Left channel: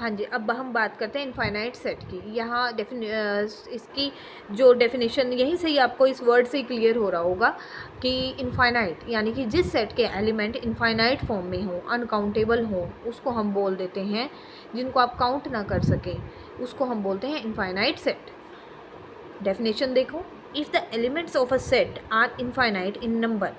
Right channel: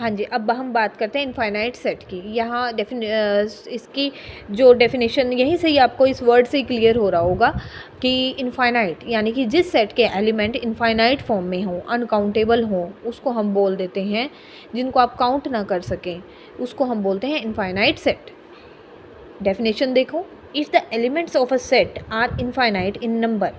हाँ जी, अब हम बात करते हैं इनफाइनाइट सेट की। यहाँ इसकी जो डेफिनेशन यहीं से ही आपको इस वर्ड से ही क्लियर हो रहा होगा कि इनफाइनाइट यानी कि जिस सेट के एलिमेंट इनफाइनाइट फॉर्म में हों, अनकाउंटेबल हों, उसको हम बोल देते हैं, जिनको आप काउंट ना कर सकें, उसको हम बोलते हैं इनफाइनाइट सेट। डेफिनेशन देखो, if the elements of a set are infinite in number,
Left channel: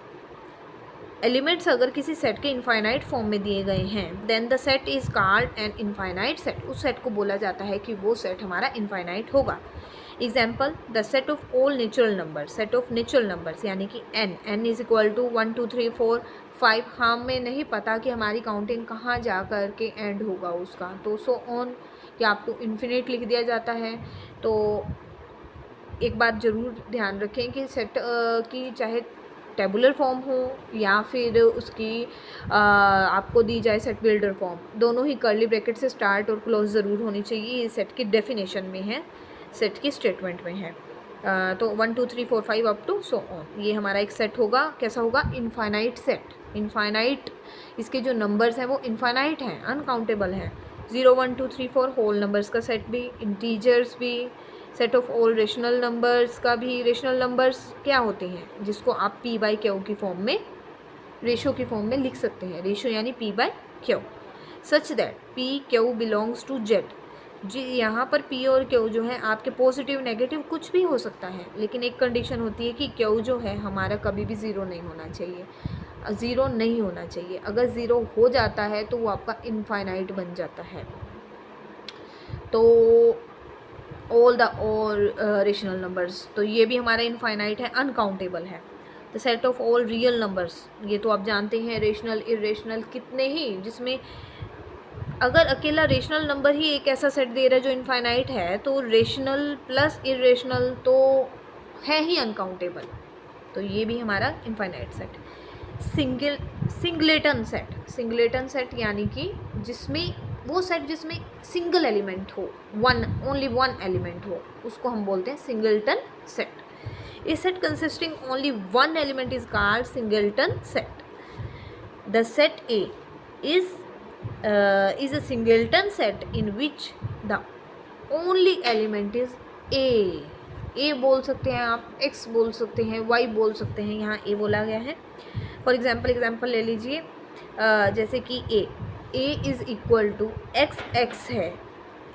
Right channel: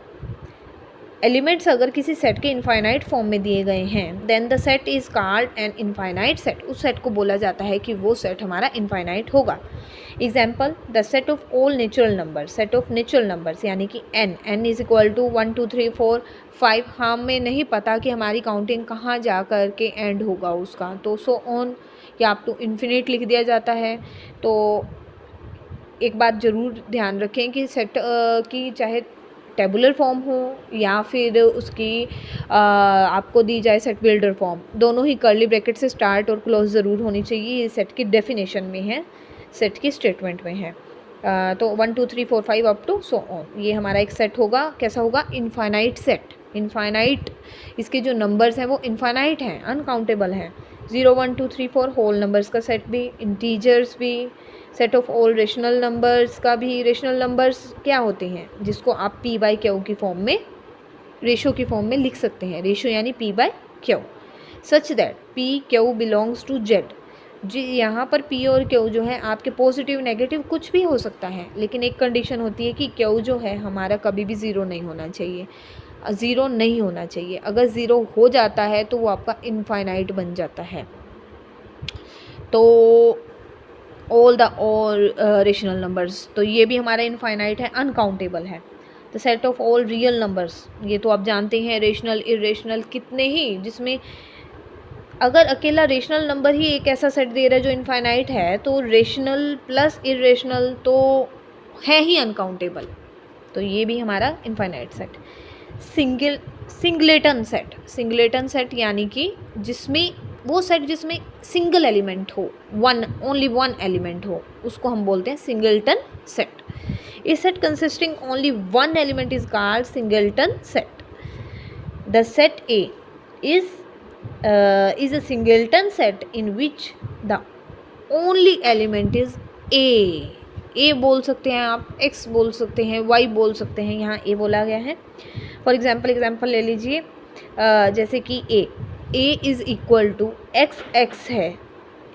elements अगर किसी सेट के इनफाइनाइट फॉर्म में दिए गए हैं, then the set is called an infinite set. उस सेट को बोला जाता है कि वो सेट हमारा इनफाइनाइट होगा। Example, the set of all natural number, set of natural numbers यानी कि n इज इक्वल टू 1 2 3 4 5। हमें नहीं पता कि हमारी काउंटिंग कहाँ जा कर के एंड होगा उसका, तो सो ऑन या अप टू इन्फिनिट लिख दिया जाता है। तो एक बात ज़रूर ध्यान रखें कि सेट की चाहे टेबुलर फॉर्म हो या फिर उसकी आपको दी जाए सेट बिल्डर फॉर्म, दोनों ही कर्ली ब्रैकेट से स्टार्ट और क्लोज ज़रूर होनी चाहिए। ये सेट की डेफिनेशन में है, सेट की स्टेटमेंट में है। तो 1 2 3 4 5 अप टू सो ऑन, ये हमारा एक सेट होगा। कैसा होगा? Infinite set. इनफाइनाइट, इसके जो नंबर्स हैं वो इनफाइनाइट हैं, अनकाउंटेबल हैं। 0 1 2 3 4 होल नंबर्स का सेट भी, इंटीजर्स भी, set of all rational numbers का भी। रेशनल नंबर्स क्या होते हैं? जिसको आप पी बाई क्यू की फॉर्म में, रेशो की फॉर्म में लिख सकते हैं। रेशो यानी P by Q, such that P Q belongs to Z. जी, यहाँ पर पी और क्यू जो है आपके पॉजिटिव नेगेटिव कुछ भी हो सकता है, लेकिन एक कंडीशन होती है कि क्यू जो है हमारा कभी भी ज़ीरो नहीं होना चाहिए, ज़ीरो नहीं होना चाहिए। अगर ज़ीरो हो जाता है तो वो आपका इनफाइनाइट बन जाता है। तो ऑल रेशनल नंबर्स, तो ये भी हमारा इनफाइनाइट है, अनकाउंटेबल है। The set of all real numbers, ये तो आप जानते हैं, रेशनल इरेशनल कितने ही, जिसमें अगर अकेला रेशनल नंबर ही एक ऐसा सेट दे रहा है जो इनफाइनाइट है, तो रेशनल प्लस इरेशनल तो है ही अनकाउंटेबल, तो ये भी हमारा infinite set. Singleton set, singleton set यानी कि जिसमें वो सेट जिसमें सिंगल एलिमेंट हो, ओनली वन एलिमेंट हो, उसको हम बोलते हैं singleton set. A set consisting only one element is called singleton set. The set A is a singleton set in which the only element is a बोल सकते हैं आप, x बोल सकते हैं, y बोल सकते हैं, यहाँ a बोला गया है। फॉर एग्जाम्पल ले लीजिए, जैसे कि a is equal to x है,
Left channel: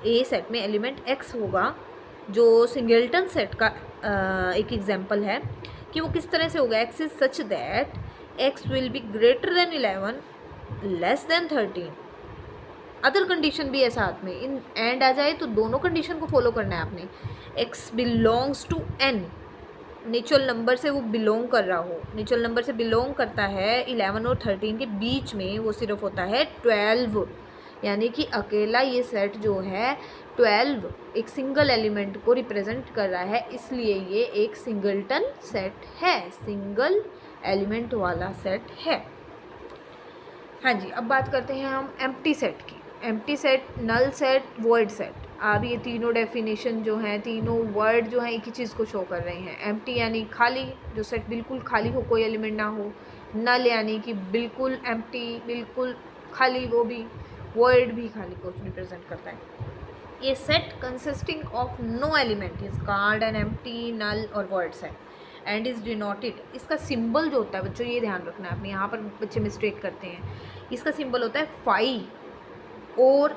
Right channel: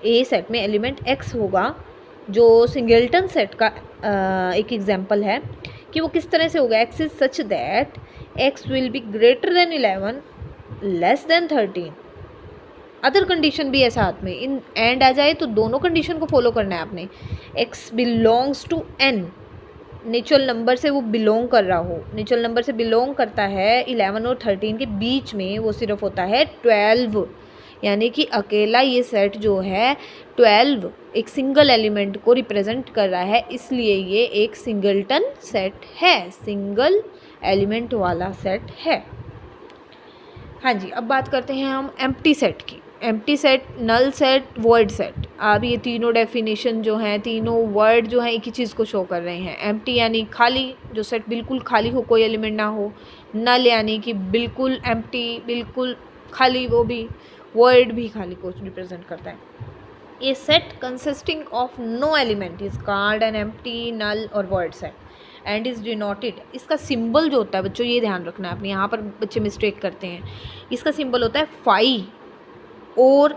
a सेट में एलिमेंट x होगा, जो सिंगलटन सेट का एक एग्जाम्पल है कि वो किस तरह से होगा। x is such that x will be greater than 11 less than 13। Other condition भी है साथ में, इन एंड आ जाए तो दोनों कंडीशन को फॉलो करना है आपने। x belongs to n, natural number से वो बिलोंग कर रहा हो, नेचुरल नंबर से बिलोंग करता है 11 और 13 के बीच में, वो सिर्फ होता है 12, यानी कि अकेला ये सेट जो है 12 एक सिंगल एलिमेंट को रिप्रेजेंट कर रहा है, इसलिए ये एक सिंगलटन सेट है, सिंगल एलिमेंट वाला सेट है। हाँ जी, अब बात करते हैं हम एम्प्टी सेट की। Empty set, null set, void set. अब ये तीनों डेफिनेशन जो हैं, तीनों वर्ड जो हैं एक ही चीज़ को शो कर रहे हैं। एम्प्टी यानी खाली, जो सेट बिल्कुल खाली हो, कोई एलिमेंट ना हो। नल यानी कि बिल्कुल एम्प्टी, बिल्कुल खाली, वो भी। वॉइड भी खाली को रिप्रेजेंट करता है। A set consisting of no element is called an empty, null और void set and is denoted. इसका सिंबल जो होता है बच्चों, ये ध्यान रखना है आपने, यहाँ पर बच्चे मिस्टेक करते हैं। इसका सिंबल होता है फाई और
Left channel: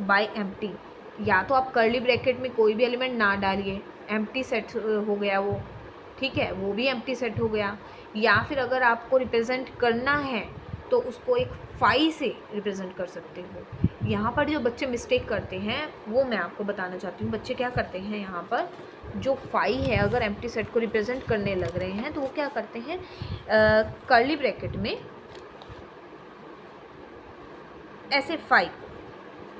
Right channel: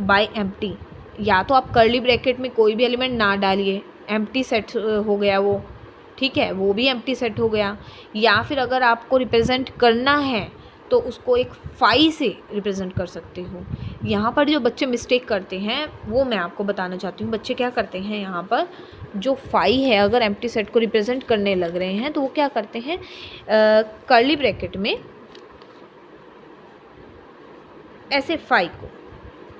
बाय एम्प्टी। या तो आप कर्ली ब्रैकेट में कोई भी एलिमेंट ना डालिए, एम्प्टी सेट हो गया वो, ठीक है, वो भी एम्प्टी सेट हो गया। या फिर अगर आपको रिप्रेजेंट करना है तो उसको एक फाई से रिप्रेजेंट कर सकते हो। यहाँ पर जो बच्चे मिस्टेक करते हैं वो मैं आपको बताना चाहती हूँ। बच्चे क्या करते हैं, यहाँ पर जो फाई है अगर एम्प्टी सेट को रिप्रेजेंट करने लग रहे हैं तो वो क्या करते हैं, कर्ली ब्रैकेट में ऐसे फाई को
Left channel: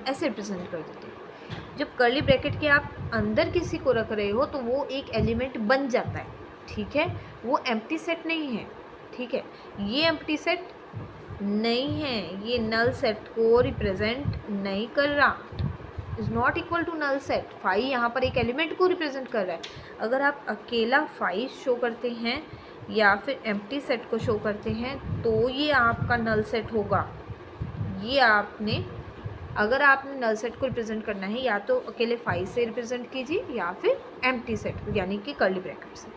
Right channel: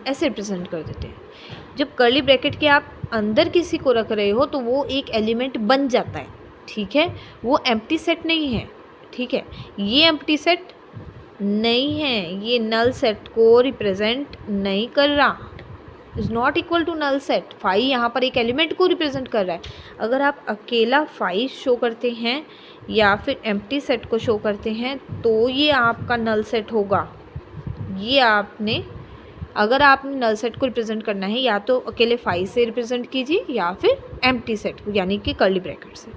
ऐसे रिप्रेजेंट कर देते हैं। जब कर्ली ब्रैकेट के आप अंदर किसी को रख रहे हो तो वो एक एलिमेंट बन जाता है, ठीक है, वो एम्प्टी सेट नहीं है, ठीक है, ये एम्प्टी सेट नहीं है, ये नल सेट को रिप्रेजेंट नहीं कर रहा, is not equal to null set. Phi यहाँ पर एक एलिमेंट को रिप्रेजेंट कर रहा है। अगर आप अकेला फाई शो करते हैं या फिर एम्प्टी सेट को शो करते हैं तो ये आपका नल सेट होगा। ये आपने अगर आपने नल सेट को रिप्रेजेंट करना है या तो अकेले 5 से रिप्रेजेंट कीजिए या फिर एम्प्टी सेट यानी कि कर्ली ब्रैकेट से।